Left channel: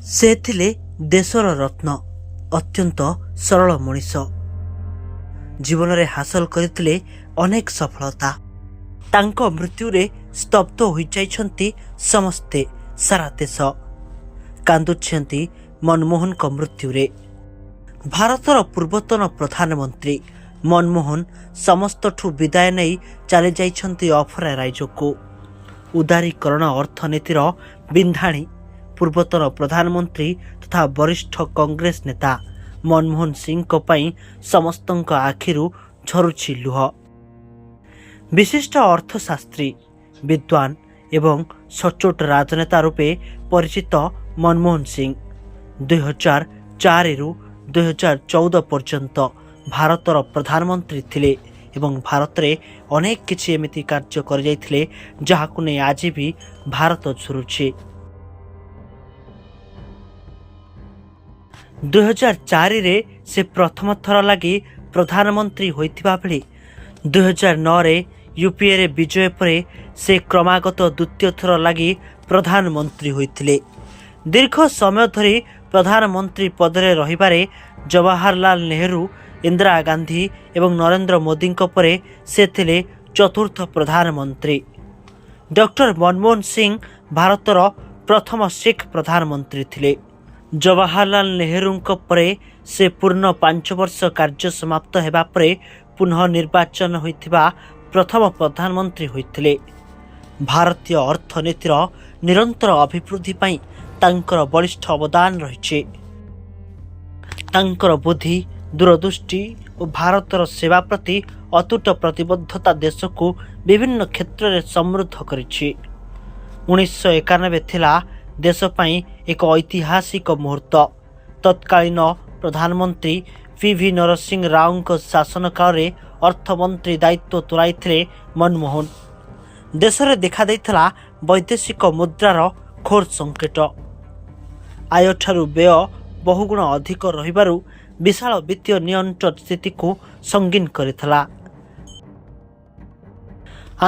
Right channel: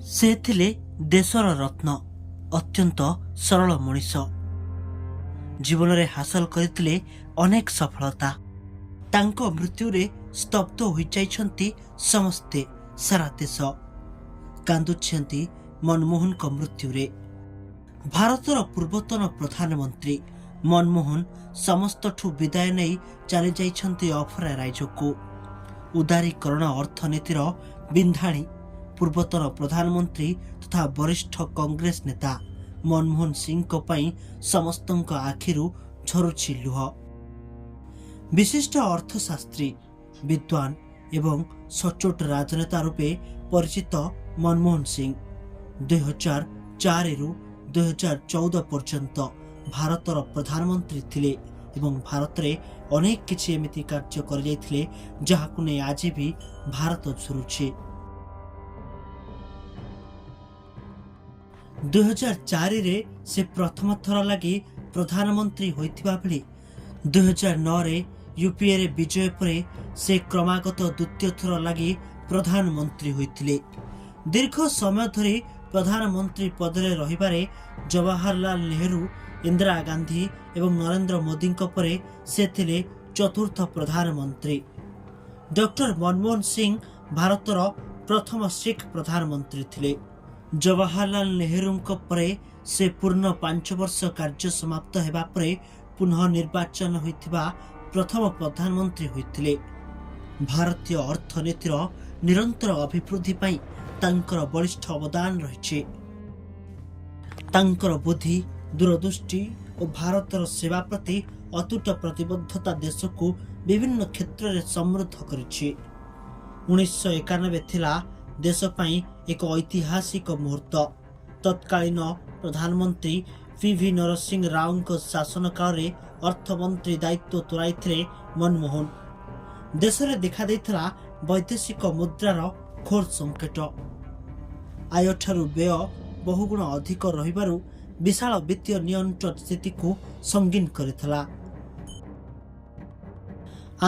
ସେ ଥିଲେ ଦେଶର ରତ୍ନ, ଅତ୍ୟନ୍ତ ସରଳ ମଣିଷ। ଜୀବନରେ ହାସଲ କରିଥିଲେ ଅନେକ ସଫଳତା। ତାଙ୍କ ମୃତ୍ୟୁରେ ସ୍ତବ୍ଧ ହୋଇଯାଇଛନ୍ତି ସମସ୍ତେ, ସାରା ଦେଶ କାନ୍ଦୁଛନ୍ତି ମନମୋହନଙ୍କ ମୃତ୍ୟୁରେ। ଭାରତର ପୂର୍ବତନ ପ୍ରଧାନମନ୍ତ୍ରୀ ମନମୋହନ ସମସ୍ତଠୁ ବିଦାୟ ନେଇ ଚାଲି ଯାଇଛନ୍ତି ଅଫରା ରାଇଜକୁ। ଉଦାରୀକରଣ ଅର୍ଥନୀତିର ବିନ୍ଧାଣୀ ପୂର୍ବତନ ପ୍ରଧାନମନ୍ତ୍ରୀ ତଥା ବରିଷ୍ଠ କଂଗ୍ରେସ ନେତା ମନମୋହନ ସିଂଙ୍କ ପାଇଁ ସମସ୍ତଙ୍କ ଆଖିରୁ ଝରୁଛି ଲୁହ। ବିଶିଷ୍ଟ ଅର୍ଥଶାସ୍ତ୍ରୀ, ବିଦ୍ୱାନ ଏବଂ ସଚ୍ଚୋଟ ରାଜନେତା ରୂପେ ପରିଚିତ ମନମୋହନ ସିଂ 2004ରୁ 2014 ପର୍ଯ୍ୟନ୍ତ ଭାରତର ପ୍ରଧାନମନ୍ତ୍ରୀ ଥିଲେ ଏବଂ ଭାରତରେ ଅନେକ କିଛି ଏମିତି କାର୍ଯ୍ୟ କରିଯାଇଥିଲେ ଯାହାକୁ ନେଇ ଆଜି ବି ଭାରତ ଝୁରୁଛି। 2004ରେ ସେ ପ୍ରଥମ ଥର ଲାଗି ପ୍ରଧାନମନ୍ତ୍ରୀ ହୋଇଥିବା ବେଳେ 2009ରେ ୟୁପିଏରେ ବିଜୟ ପରେ ସେ କ୍ରମାଗତ ଦ୍ୱିତୀୟ ଥର ଲାଗି ପ୍ରଧାନମନ୍ତ୍ରୀ ହୋଇଥିଲେ। ଦୀର୍ଘ ସମୟ ଧରି ପ୍ରଧାନମନ୍ତ୍ରୀ ପଦରେ ରହିବାରେ ଜବାହରଲାଲ ନେହେରୁ, ଇନ୍ଦିରା ଗାନ୍ଧୀ ଏବଂ ନରେନ୍ଦ୍ର ମୋଦିଙ୍କ ପରେ ସେ ଥିଲେ ଚତୁର୍ଥ ପ୍ରଧାନମନ୍ତ୍ରୀ। ଡକ୍ଟର ମନମୋହନ ସିଂ ଭାରତର ପ୍ରଥମ ଶିଖ୍ ପ୍ରଧାନମନ୍ତ୍ରୀ ଥିଲେ। ଜବାହରଲାଲ ନେହେରୁଙ୍କ ପରେ ସେ ପୂର୍ଣ୍ଣ 5 ବର୍ଷ କାର୍ଯ୍ୟ ସମାପ୍ତ ହେବା ପରେ ପୁନଃ ନିର୍ବାଚନ ହୋଇଥିବା ପ୍ରଥମ ପ୍ରଧାନମନ୍ତ୍ରୀ ହୋଇଥିଲେ। ଭାରତୀୟ ଅର୍ଥନୀତିର ନିରନ୍ତର ଅଭିବୃଦ୍ଧି ପାଇଁ ତାଙ୍କର ବଳିଷ୍ଠ ଅବଦାନ ରହିଛି। ତାଙ୍କର ବୁଦ୍ଧି, ଦୂରଦୃଷ୍ଟି ଓ ଭାରତର ସେବା ପ୍ରତି ଅତୁଟ ପ୍ରତିବଦ୍ଧତା ଦେଶକୁ ବିଭିନ୍ନ କ୍ଷେତ୍ରରେ ସମୃଦ୍ଧ କରିଛି। 1991 ଥିଲା ଦେଶ ପାଇଁ ଏକ ଐତିହାସିକ ମୁହୂର୍ତ୍ତ। ତତ୍କାଳୀନ ପ୍ରଧାନମନ୍ତ୍ରୀ PV ନରସିଂହ ରାଓଙ୍କ ଶାସନ କାଳରେ ଅର୍ଥମନ୍ତ୍ରୀ ଦାୟିତ୍ୱ ତୁଲାଇଥିଲେ ମନମୋହନ। ଦେଶରେ ଦେଖାଦେଇଥିଲା ବୈଦେଶିକ ମୁଦ୍ରାର ଘୋର ସଙ୍କଟ। ଆୟଠାରୁ ବ୍ୟୟ ବହୁଗୁଣ ଅଧିକ ରହିବାରୁ ବିଶାଳ ବିତ୍ତୀୟ ନିଅଣ୍ଟ ସ୍ଥିତିକୁ ସଙ୍ଗୀନ କରିଥିଲା।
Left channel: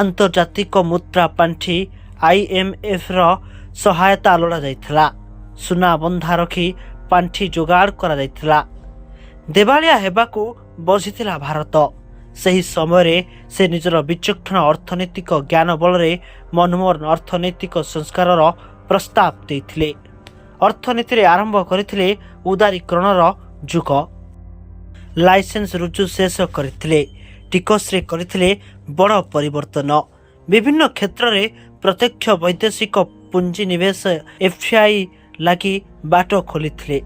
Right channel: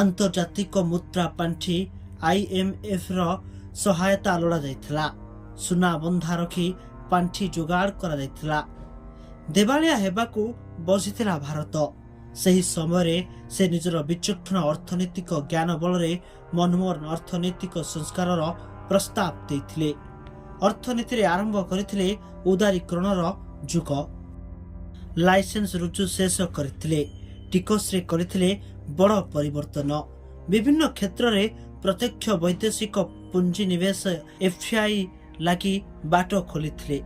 ଆନ୍ତର୍ଜାତିକ ମୁଦ୍ରା ପାଣ୍ଠି IMFର ସହାୟତା ଲୋଡ଼ାଯାଇଥିଲା। ସୁନା ବନ୍ଧା ରଖି ପାଣ୍ଠି ଯୋଗାଡ଼ କରାଯାଇଥିଲା। ଦେବାଳିଆ ହେବାକୁ ବସିଥିଲା ଭାରତ। ସେହି ସମୟରେ ସେ ନିଜର ବିଚକ୍ଷଣ ଅର୍ଥନୈତିକ ଜ୍ଞାନ ବଳରେ ମନମୋହନ ଅର୍ଥନୈତିକ ସଂସ୍କାରର ପ୍ରସ୍ତାବ ଦେଇଥିଲେ। ଅର୍ଥନୀତିରେ ଆରମ୍ଭ କରିଥିଲେ ଉଦାରୀକରଣର ଯୁଗ। ଲାଇସେନ୍ସ ରୁଜୁ ଶେଷ କରିଥିଲେ। ଟିକସରେ କରିଥିଲେ ବଡ଼ ପରିବର୍ତ୍ତନ। ବିଭିନ୍ନ କ୍ଷେତ୍ରରେ ପ୍ରତ୍ୟକ୍ଷ ବୈଦେଶିକ ପୁଞ୍ଜିନିବେଶ FDI ଲାଗି ବାଟ ଖୋଲିଥିଲେ।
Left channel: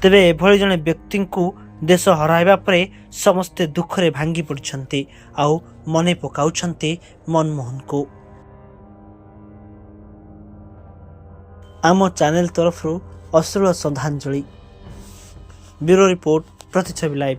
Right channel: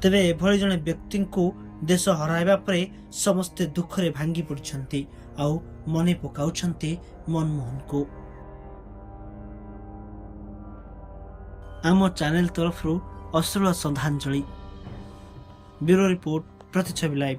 ତେବେ ଏଭଳି ଜଣେ ବ୍ୟକ୍ତିଙ୍କୁ ଦେଶ ହରାଇବା ପରେ ସମସ୍ତେ ଦୁଃଖରେ ଭାଙ୍ଗି ପଡ଼ିଛନ୍ତି ଆଉ ମନେ ପକାଉଛନ୍ତି ମନମୋହନଙ୍କୁ। ଆମ ଚ୍ୟାନେଲ ତରଫରୁ ଅଶ୍ରୁଳ ଶ୍ରଦ୍ଧାଞ୍ଜଳି। ବ୍ୟୁରୋ ରିପୋର୍ଟ, ପ୍ରତିଛବି ଲାଇଭ।